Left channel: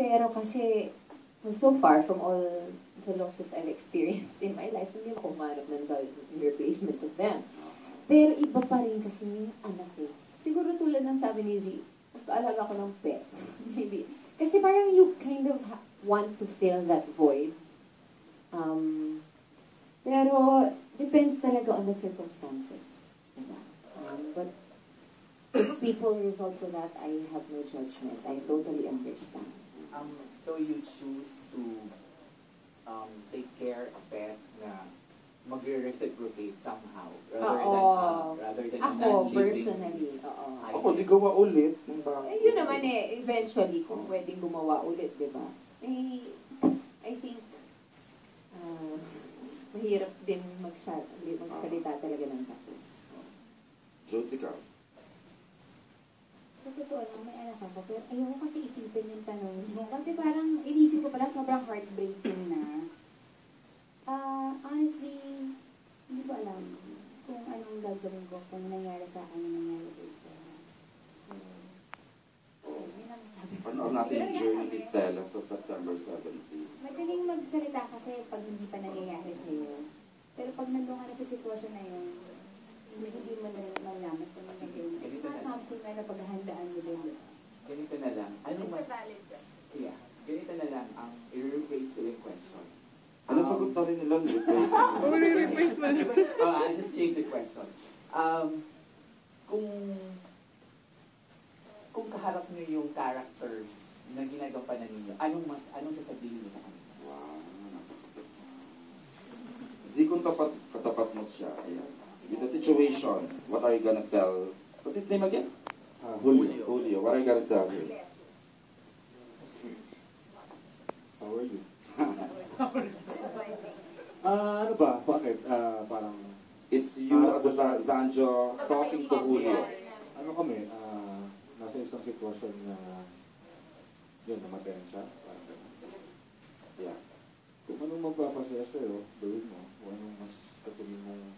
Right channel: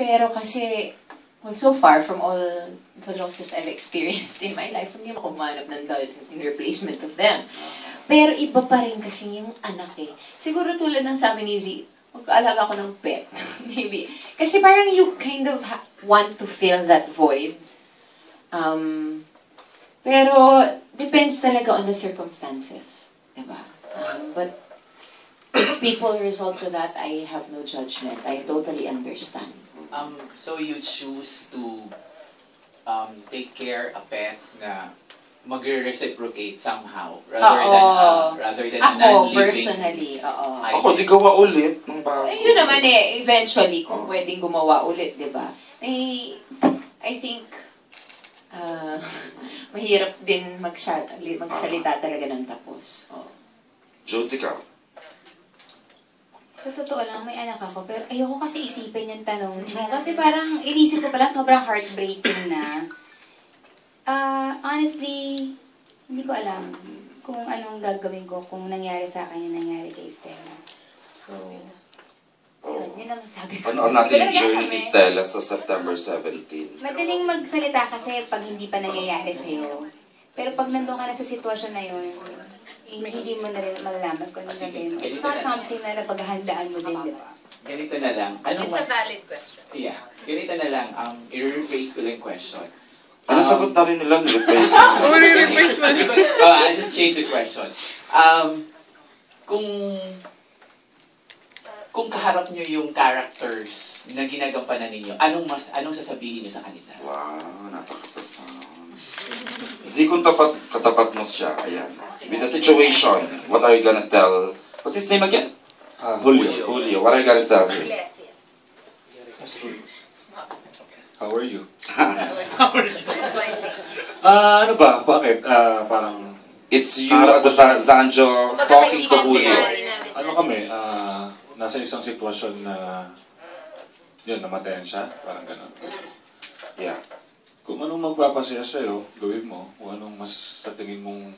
Pero kasi, well, so far from all the losses I've experienced in my life, hindi ako manap ng dal in replacement of them. Pero iba pa rin kasi yung anak eh. Siguro tulad ng sabi ni Z, mag-aalaga ko ng pet. Maybe. Kasi parang you kind of want to fill that void. Pero depends talaga on the circumstances. Diba? But if people result to that, I have no judgment. I totally understand. So you choose to take care a pet na mag-reciprocate somehow rather than a non-living. Personally, Ako, di gawa ulit ng bago. Yun naman eh, eventually, kung pwedeng gumawa ulit, di ba? I think, mahirap din magsalita talaga ng tapos. Jodes, ikaw? Sa totoo lang, may anak ako, pero ayoko kasi isipin yung tanong mo. Kasi parang inisip ko pala, sobrang heartbreaking na. Honestly, hindi ko alam kung anong gagawin ko kung nangyari sa akin yung nangyari kay Stella. So, yun ang masabi ko. Ano natin yung journey ni Stella sa September 17? Madaling magsalita kasi pag hindi pa nangyayari sa'yo. Pero pag nandun ka na sa sitwasyon na yun, hindi mo na rin malalaman kung ano gagawin mo. It's not something na napaghandaan mo din, di ba? Ganito na lang. It's a valid question. Yeah. Ganito na lang. I-rephrase ko lang yung question. Ano sagot na rin nila? Ni-replace mo. I'll just change the question. Kung kaharap nyo yung characters na ginagampanan ninyo, anong sasabihin nyo sa kanila? Wow, napaka-profound. Z, kung katapat mo siya, ayan. With the situation, what are you gonna tell? What's his name again? Julio. What are you gonna tell him? Yes. How are you? Ano ba? Bakit? Parang... It's you as a Zanjo talking to Julio. Ano kami? Nasa isang sitwasyon na... Yun, namatayan siya. Parang gano'n. Yeah. Kung anong magpapasaya sa'yo, gawin mo. Kung anong mas sa tingin mong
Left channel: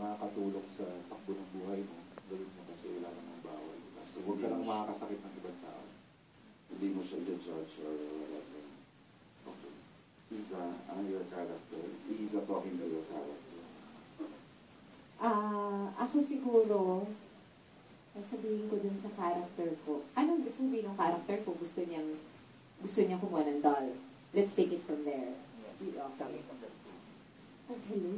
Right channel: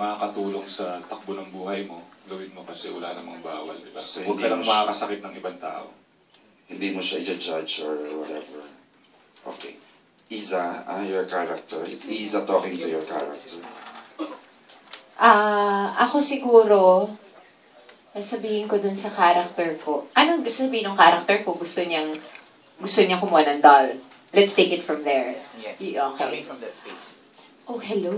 makakatulong sa takbo ng buhay mo, gawin mo kasi wala namang bawal, di ba? So, huwag ka lang makakasakit ng ibang tao. Hindi mo siya i-judge or whatever. Okay. Iza, your character. Iza talking to your character. Ako siguro, sabihin ko dun sa character ko. Anong sabihin ng character ko? Gusto niya kumuha ng doll. Let's take it from there. Yes. Okay. Coming from that space. Oh, hello.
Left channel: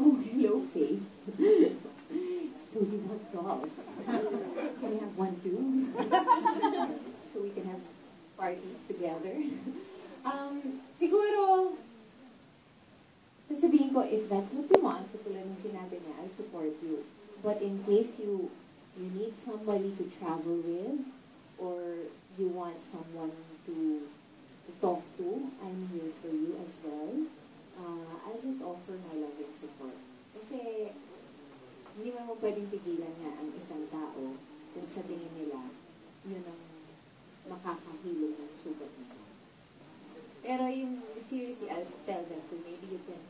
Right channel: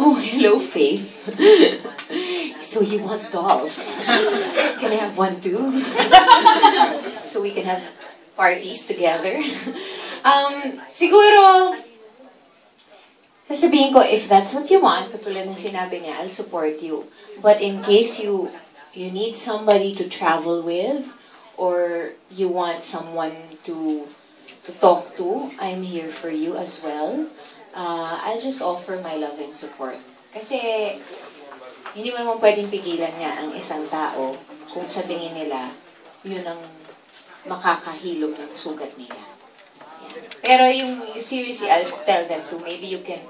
Oh, hello, Faith. So you want dolls? Can I have one too? So we can have parties together? Siguro, sasabihin ko, if that's what you want, katulad na sinabi niya, I'll support you. But in case you need somebody to travel with, or you want someone to talk to, I'm here for you as well. I'll just offer my love and support. Kasi, hindi mo naman pwedeng pigilan niya ang isang tao kung sa tingin nila, yun ang makakahilom ng sugat nila. Yeah. Pero yung seriously, I'll tell them to, maybe you can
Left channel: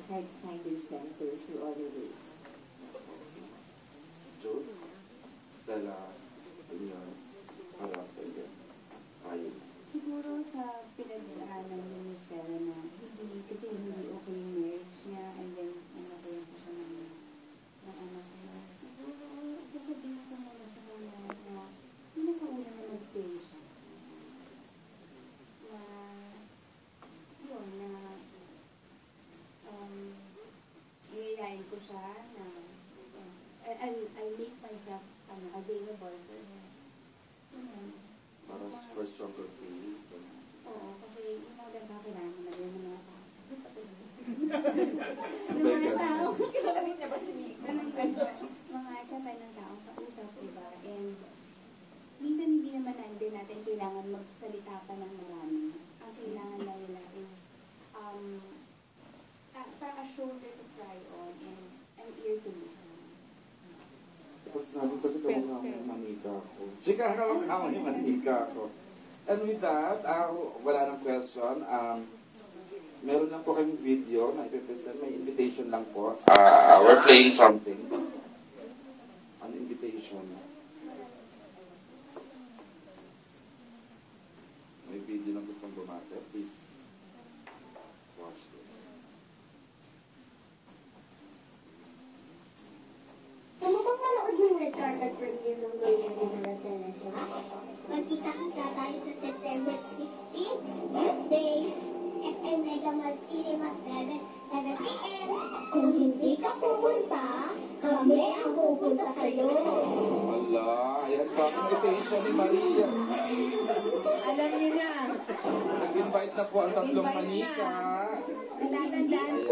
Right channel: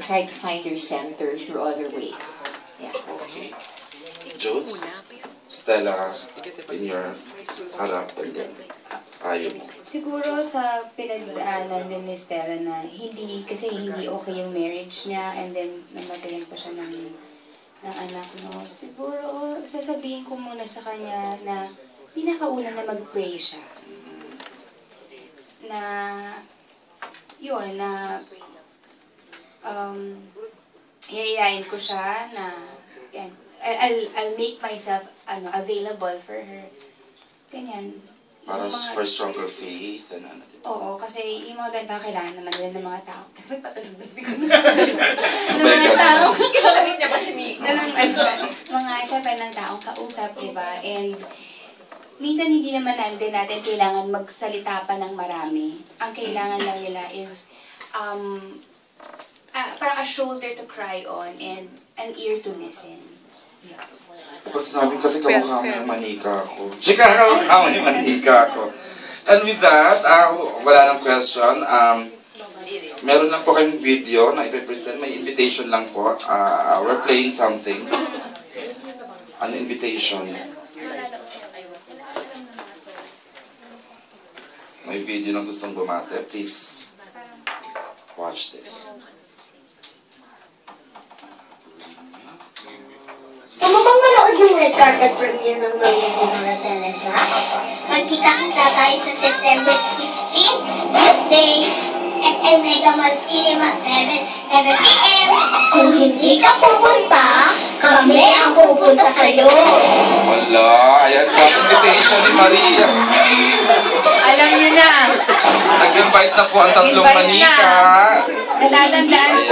try to find your center through other ways. Yeah. Okay. Jodes, Stella, in your harap and then ayaw mo. Siguro sa pinagdaanan din ni Stella na hindi okay yung marriage niya and then namatayan pa siya ng anak mo. Siguro sasabihin ko muna sa kanya na pinakauna na mag-pray siya. Na yun, na yayain ko siya na yan, I'll make myself available for her. Ganyan. Para for stronger faith and ano. Oo, kasi yung mga ganda kailangan naman nila ng mga tao. Ng mga tao. Kailangan niya ba si Miko? Syempre ng taong kausap, di ba? And minsan hindi naman natin kailangan magsalita pa ng marami. Ang kailangan lang nila is parang a shoulder to cry on and an ear to listen. Yeah. Pag sinabi kasi kamukha mo yung manika ko. Chika, kamukha mo yung manika ko. And with that, wala nang question. Meron lang po kayong video na ipipresent. May invitation lang po. We're playing something. An invitation. may video na gustong bumate, please watch this. Gusto mo bang manood ng red carpet premiere ng Maria Dinora Teresa? Magkita-kita tayo sa September 16, Tuesday, SM Mega Mall Cinema, 7 p.m. Kung hindi ka pupunta, kami ang pupunta sa'yo. Wala, ayan po, invitation ni Maria. Alam niyo na. Nag-invite na po ang tatlong Invite na. manika. Natatandaan Ayan.